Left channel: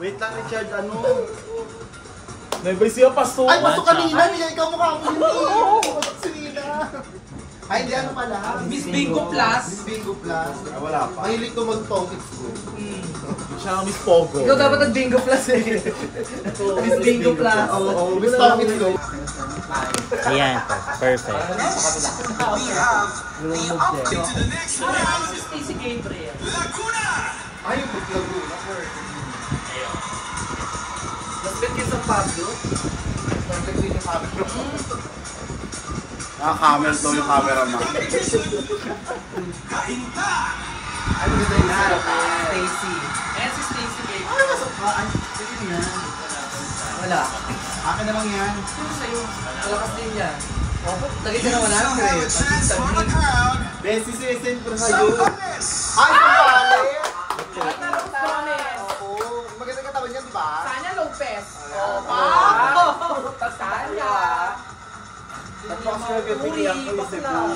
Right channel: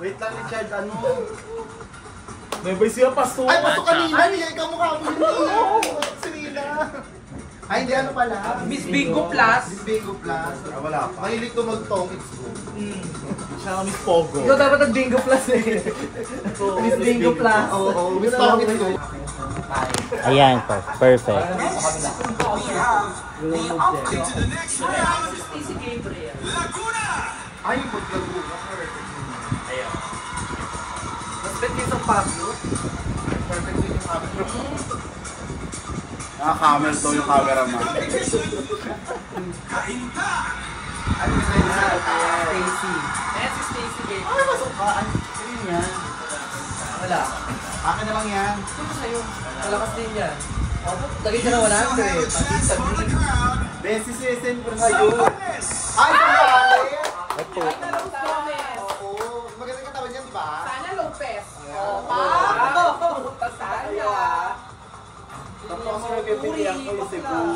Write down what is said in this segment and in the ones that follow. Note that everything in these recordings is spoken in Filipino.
Wait lang, Richard, ano? May bay siya pasok. Ay, pasok kanina, niya ikaw mukha ko yun. Sinina. Ay, hindi ano pala. Miss Bingo Plus. Miss Bingo Plus. Ah, wala pa. Mahilig ko mag-tokits ko. Siya ang Miss Pogo. Ikaw dapat ang Bingo Plus eh. Miss Bingo Plus. Oo, Miss Tokits ko. Ayan po, perfect. Si Gabriel. Ay, mag-Laguna. Ba't yung San Pablo? Perfect din yung camera. Naka-camera daw yung camera mo. Ano ba yun? Stacy. Ayan si Stacy Gabriel. Ano masok ka? Ay, sige yan. Wala. Akin na lang yan. Sino sa'yo? Malakas din yan. Lagi ka na 100. Besi sisend ko sa'yo. Ay, pambali! Oo. Magandang katawan yan, di ba? Sana Lopez. Sana. Tapos kasi nagpipilihan ko yung Cebu,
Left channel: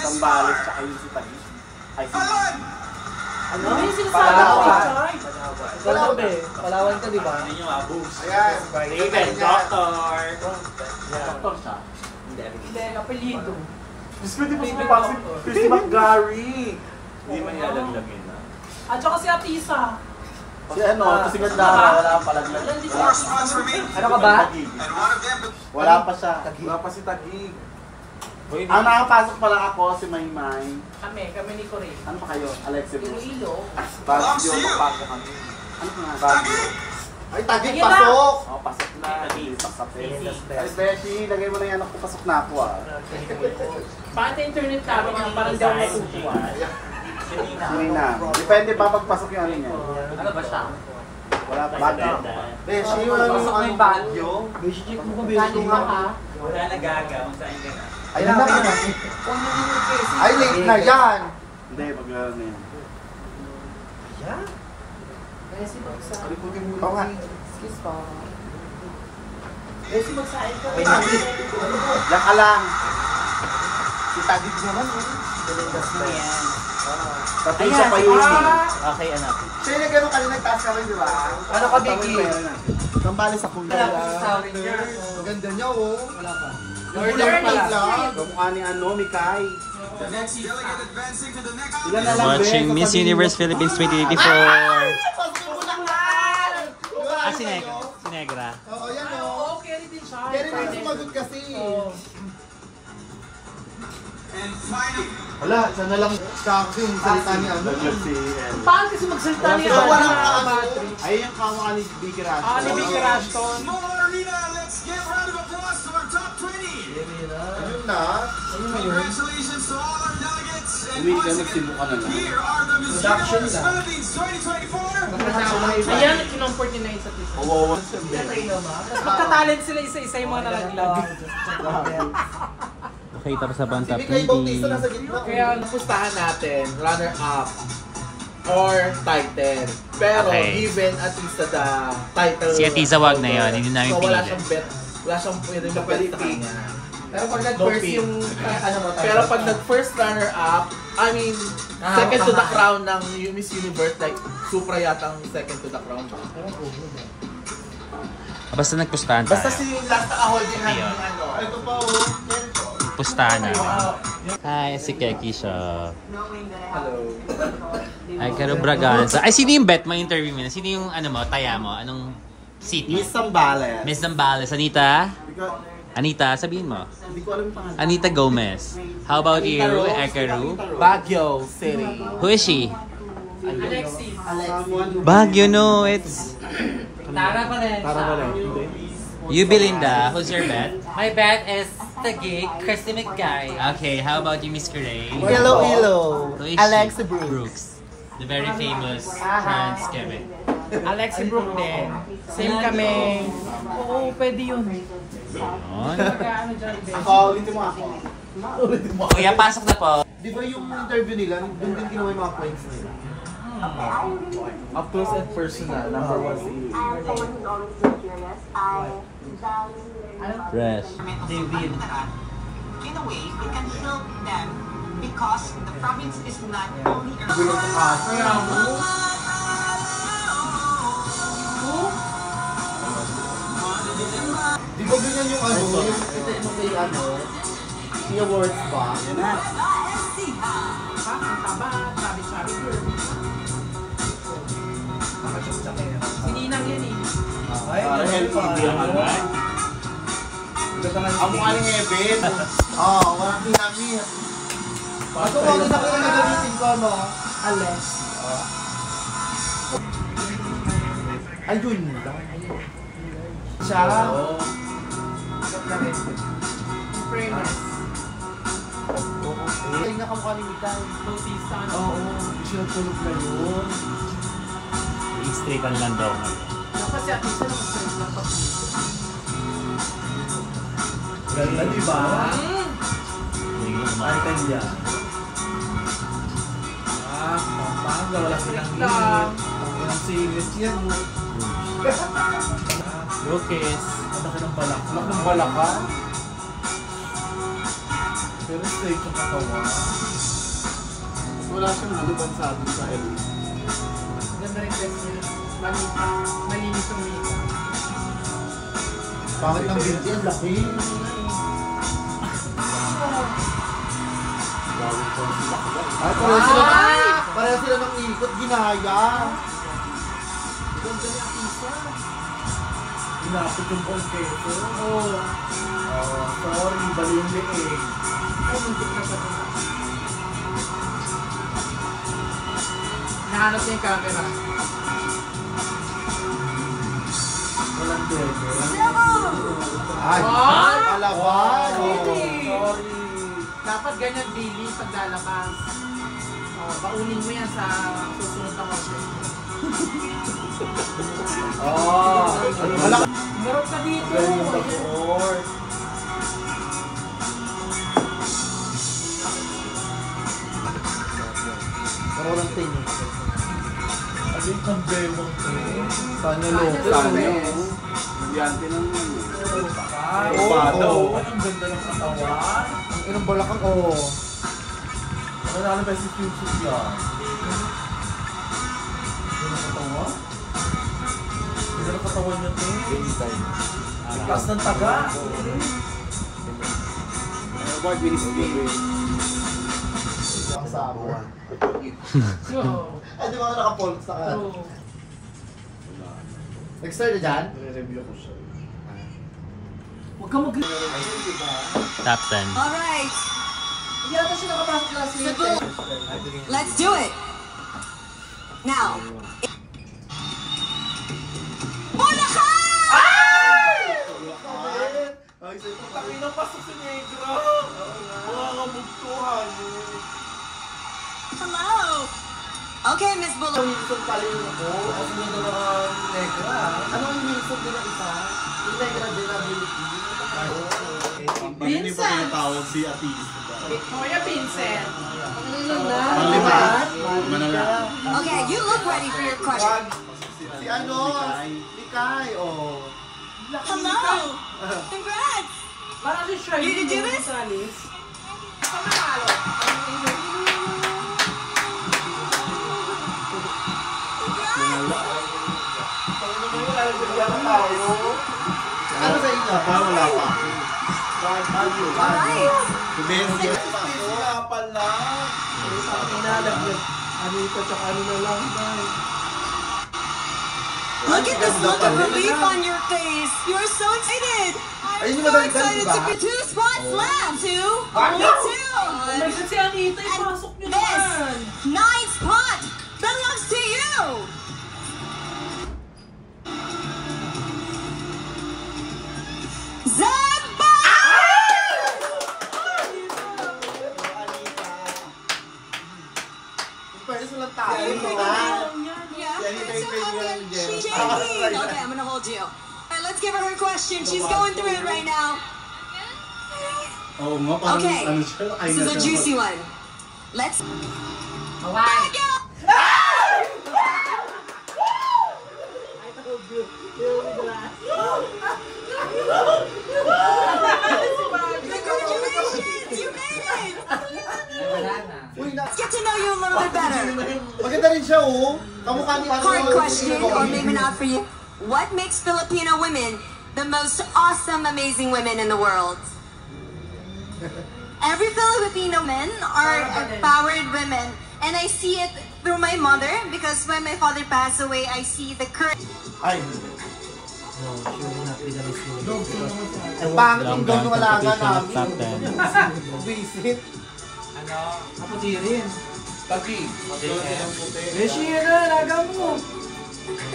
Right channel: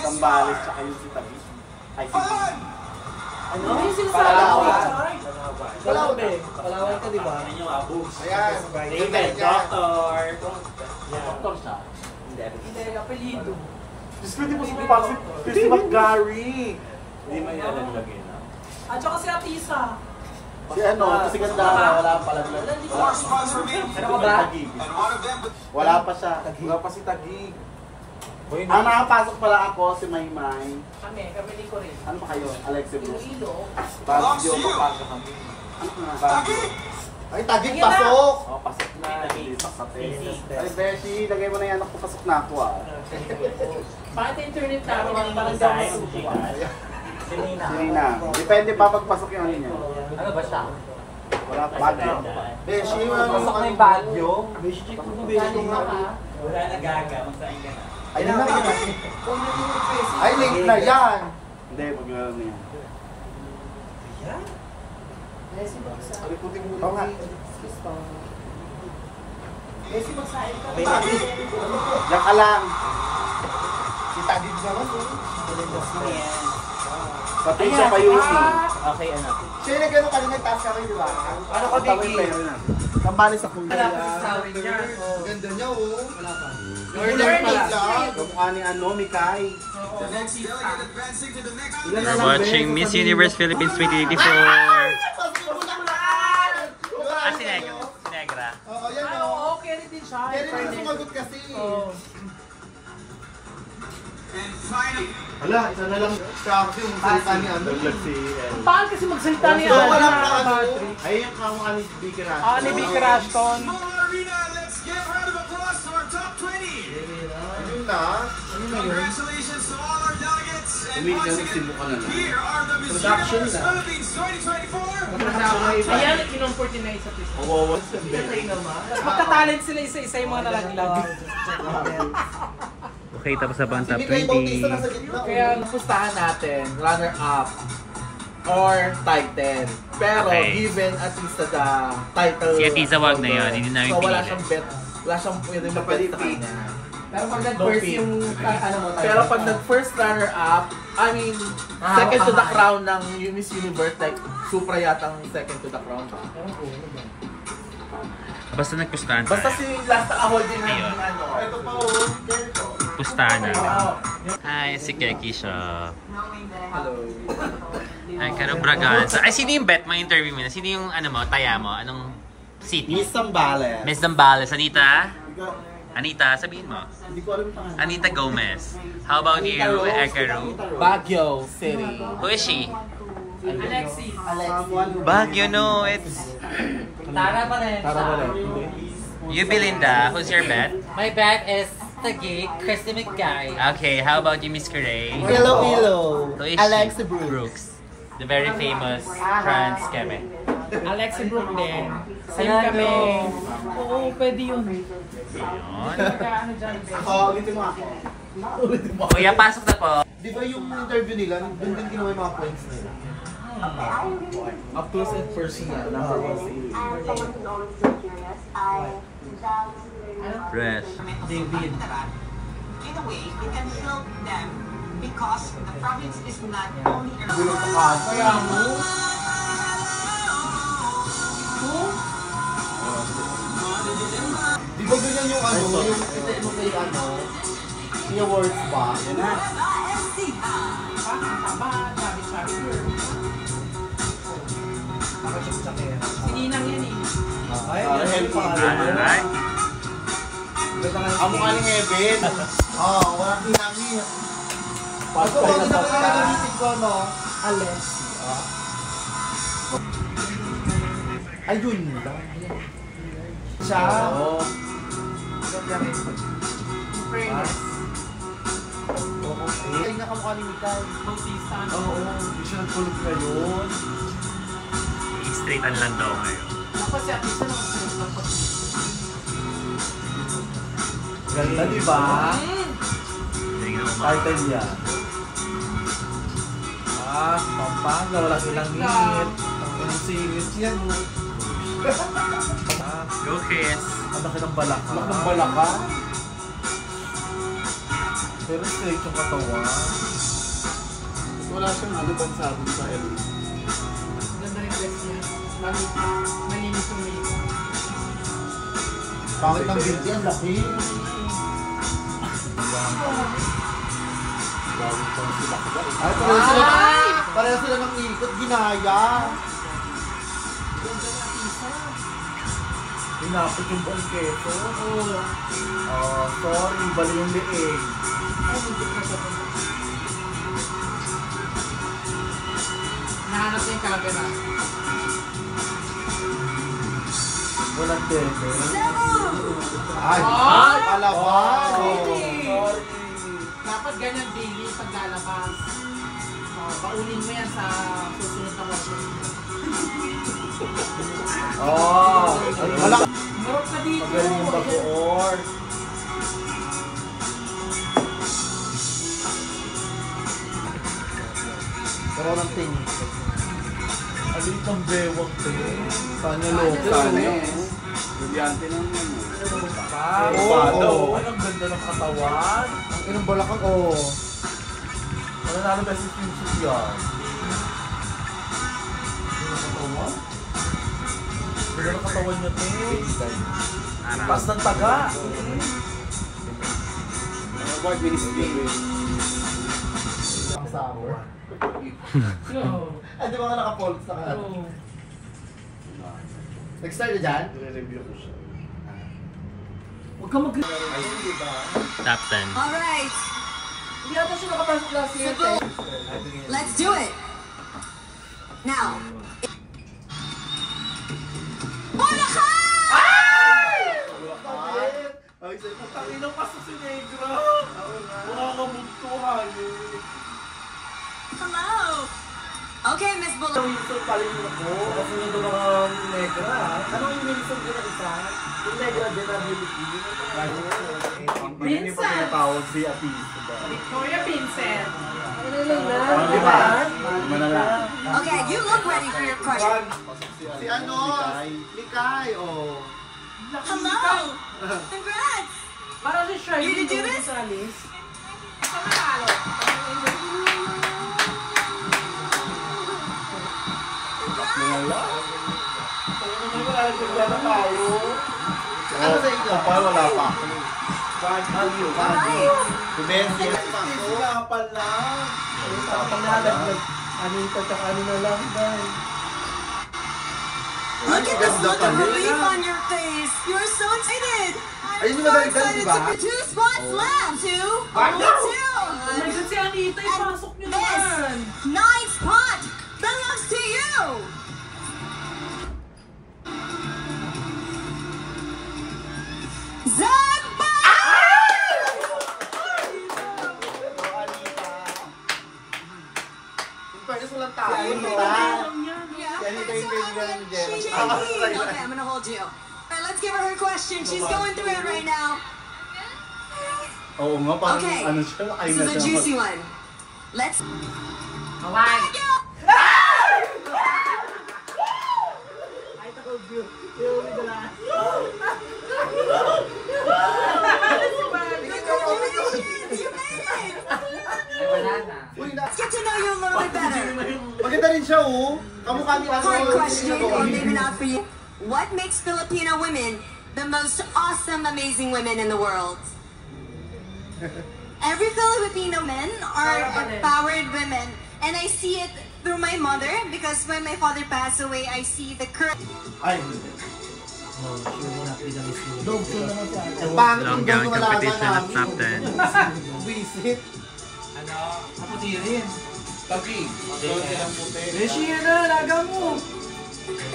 Sambales, tsaka yung si Taguig. Ay, si... Ano? Yung sinasabi? Palawan ka. Palawan ka, di ba? Ayan. David, doctor. Doktor siya. Hindi, kapilido. Diyos ko, di mo sumapasok. Chris McGarry. Hindi man yalalagin na. At saka si Atisa. Si ano, si Gandara, wala pa palaglag. Wala pa. Ano ka ba? Wala pa siya. Wala pa si Taguig. Ang nakapasok pala ako, si Maymay. Kami ni Corey. Ano ba kayo? Alexi Bruce. Iloilo. Baguio, magpasok kami. Ano ka nga? Baguio. Ay, Taguig, pasok! Oo, pasok na. Pasok sa test. Ay, Beshi, lagay mo na yan ako, pasok na ako ah. Bakit sa internet namin, parang daw masutuwa. Sinina. Depende pa pagpasok yung ano niya. Ano ba siya? Wala pa. Baguio. Beshi, wala Pasok naman na yung Baguio. Beshi, check mo Galing nga ka. Wala nagagaw, saan ka na? Ay, na. Huwag na din yung kasi. Ay, late na yan. Hindi, maglaro na yan. Resi magsain. Alikutin mo. Oo nga. Excuse po. Resi magsain ka. Diyan ka lang. Si Taguig naman eh. Sino yan? Patricia pa yun eh. Okay, anak. Siya yung nag-ano kanina, nagtaas ka rin, di ba? Ano ka, Biggie? Kambali sa kuya. Wala pa sa tawin niya. Ang ganda niya, oh. Wala pa. Order pala. Kamukha ni ano, Mikay. Ilan na lang, Watching Bes? Miss Universe Philippines 2084. Ah, Si Negra. Si Negra. Oo, yan o. Okay, din siya. Kaya rin yung sumagot kasi. Wala, isa na lang kasi yung salita ni ano. Paano kasi magsalita niya? Ito walang ano. Ay, yung kamukha ni Vicky Rash. Ni Vicky Rashton. Ayun na. Congratulations to all our delegates and Uwi ka, nagsibo ka na lang. here are the Miss Production Universe lang. Philippines 2024. Ayan, kinumport sa pisa. Oo. Magka-talent sila isa-isa yung mga nalaglag. Okay, tapos na ba ang Si top Mikay Bautista nasa 20? gitna. Kaya napustahan natin, runner-up or title. Pero Okay. given at least the title. Si Atiza wag na yun, hindi namin So wala pili. siyang bet. Wala siyang pwedeng bet sa kanya. Pero pag nag-first pick. yung ano mo tayo. Pero pag nag-first runner-up, I mean, second to the crown ng Miss Universe, like, Supra yata ang second to the crown. Basta nagpustahan Basta tayo. si Lasta Ahol din ng ano. Ito pa oh. Pustahan namin. Hi, si Keki siya. Hello. Ay, Karo Braganza. Ay, sino yung bet mo? Interview mo na? Sino yung ano mo? Taya mo? Anong city? Miss Sambales. Miss Zambales. Anita? Anita, sabihin mo. Hindi ko alam yung pangalan. Anita Gomez. How about you, Ekaru? Baguio City. Who is she? Alexis. Someone who... Baguio, no. It's... Tara pa rin. Tara ba lang? Hindi. You, Belinda. Who's your bet? My bet is Taguig, Christy McGarry. Okay, how about you, Miss Corey? Hello. Who is she? Alexi Brooks. The very famous trans Quebec. Alexi Brooke din. Same kami. Oo, pwede yun. Ako, ulitin mo ako. Kuya, pasok na po. Di ba yung interview nila, doon din ginawa yung mga points nila? Up close and personal. Number one si Fresh. David. In a way, it can help them because the province is not only Yung words ba? Yan na. Sininang yun eh. Para healthy yun. Ang mukha ni Heaven. Oo, walang pinamit. Ito ko, hindi na kaya nagamitin ko, no? Ales. Ayun. Siya. Famous. Ay, nakamukha ni Mikay. Bautista. Oo, siya tulog na yun. I-straightan lang daw ngayon. Kasi at isa lang sila ng pag-ibig. Ganda, di ba? Hindi ko naman. Title niya. Pampang, wala silang lang. Ang singit yan. Go, Chris. Ang laki ng balak. Ang laki ng balaka. Pero straight yung katawan. Wala siyang ano bang sabi sa Elvis. Ganda rin dress niya. Malinis yung makeup. Bakit ang binti? Ang laki. Ay, pareho sila ng ikot, ginaya. Inapot yung pangkeso. Oo. Sorry, bali yung liig. Nahanap niya yung camera. Walang din. Ay, palawan. Dapat ganyan daily pag lalabas. Baunin mo yan sa susunod na workshop. Wala ka. Marot ka dito. Pero walang tingin. Ayun ang bewang ko. Sana loko. Sana eh. Brilyante ng Oo. Ay, ang ganda ng katawan. Ang inang balakang, oo. Nanalo ba si Future yan? Ang katawan? Pero ang katawan niya ito. Pas ng taga. Award ministry. Ang sabor. Ay, di ba ka naka-polls na ka? Nag-start na dyan? Re-review ko siya. Huwag ka mag- Top 10. Alright, Hindi ata siya nakapasok last year. let's do it. Now. Tanginang pasok si Negra. Wala ka mugtuhan eh. Hello. Okay, Miss Bullock. Wilson pala yun ako. Kasi yun yung mga negra. Anong yung Wilson din ang isa? Yung negra din na beauty. Vincent. Pinatawag si Atis. Victoria Vincent. Ang lima. Lima na lang. Okay, you look ready for your question. Si ano? Mikay. Oh. Hello. Congrats. Para si Shirley You can do this? Gonzalez. Ano sa inyo? Parang wala pa ako. Alright. Kumensi. Wala pala. Look at this look of relief on your face. You are so excited. I'm Ayun yung so maganda, excited diba? to be two-spot slam. Only two. Kasi si Anita, ipasok niyo This naman. 9th spot belongs to you. Zamba! Pwede silang tayo, diba? Yeah, Yan, ito that's yung her kaibigan audience. niya. She's shaking. Okay, I'm gonna hold you. All right, let's give her her question. She's going through it right now. Oo nga, parang Okay, ano siya, this is a juicy one. Let's. Okay. Congratulations, you made it. Uy, na. Let's get to know you a little bit better. Maganda rin siya, oh. Kamukha ni ano. Hard question, or maybe not for you. What makes Filipino women the most awesome, amazing women in the world. Every Filipino men are empowered women, and I see it through my mother because when my father passed away, I see the courage. Ay, No, she will not be the Miss Universe. ang pangit Long yung gown doon wala ka competition of namin. top 10. Visit. Ano? Kaputi rin. Tagi. Magkaroon silang puti. Beshi, yan na, laga mo.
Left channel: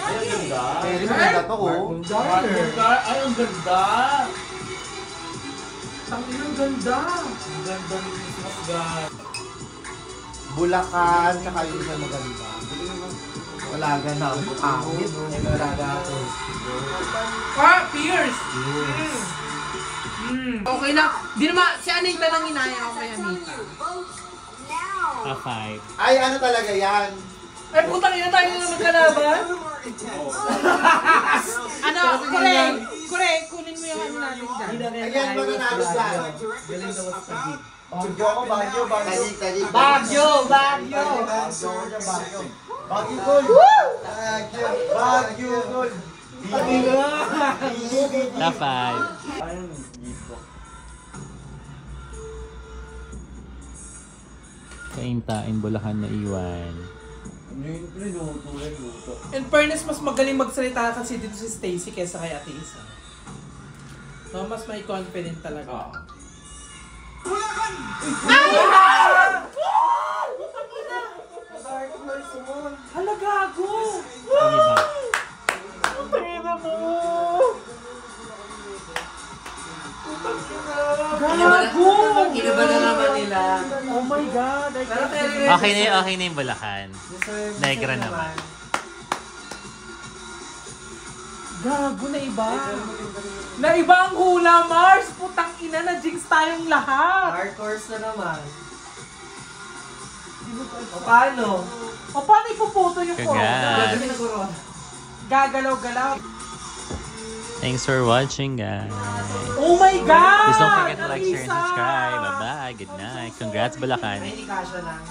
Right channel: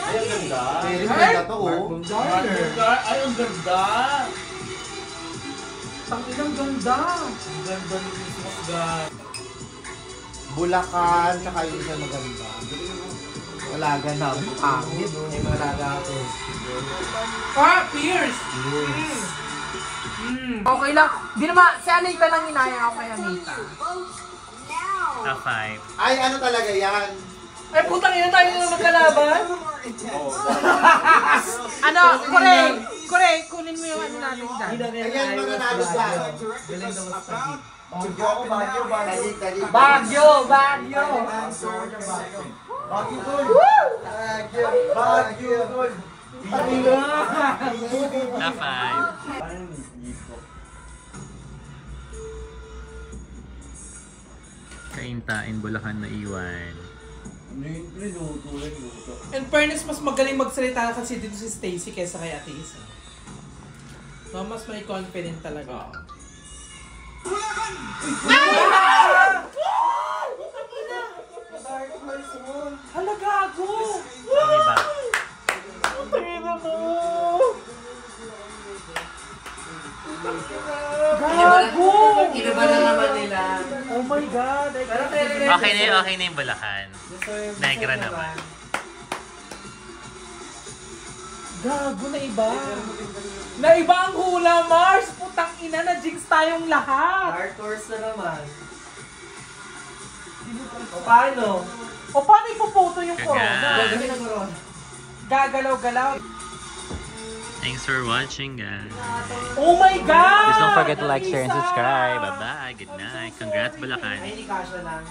Ay, ang ganda. Very maganda to, oh. Ay, ang ganda. Ang inang ganda. Ang ganda ni Christmas guy. Bulacan, tsaka yung isa maganda. Wala na, pangit. May malaga ako. Ah, Pierce! Okay lang. Di naman, si Anita nang inaya ako kay Anita. Top 5. Ay, ano talaga yan? Eh, putang ina tayo na magkalaban. Ano, Kore, kunin mo yung ano natin dyan. Ayan, mga nalo dyan. Galing daw sa tagig. Tagig. Bagyo! Top 5. Kaintain, Bulacan na iwan. In fairness, mas magaling magsalita kasi dito si Stacy kaysa kay Ate Isa. No, mas may confident talaga. Hala, gago! Okay ba? Gago! Iba na naman nila. Oh my God! Okay na yung Bulacan. Negra naman. Gago na iba. Na iba ang hula, Mars! Putang ina, na-jinx tayong lahat! Dark horse na naman. O paano? O paano ipuputo yung Kaga. corona? Gagawin na corona. Gagalaw-galaw. Thanks for watching, guys. Oh my God! Please don't forget to like, share, and subscribe. Bye-bye. Good night. Congrats, Bulacan. May ikasya lang.